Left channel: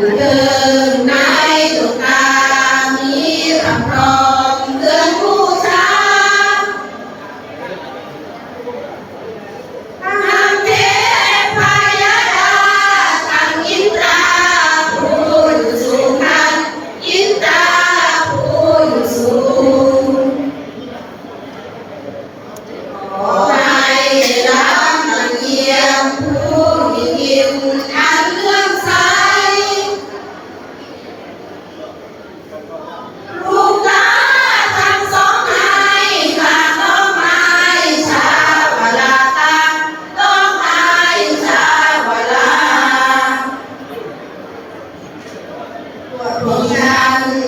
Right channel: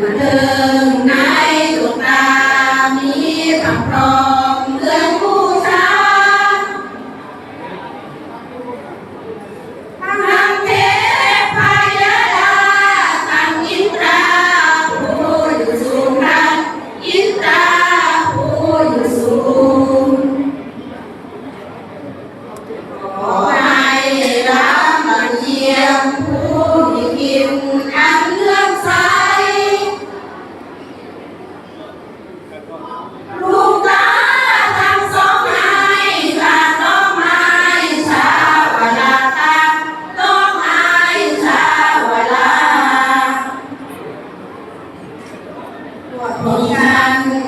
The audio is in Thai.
ถึงในสุตามีสัมพร บทโภชนาคือ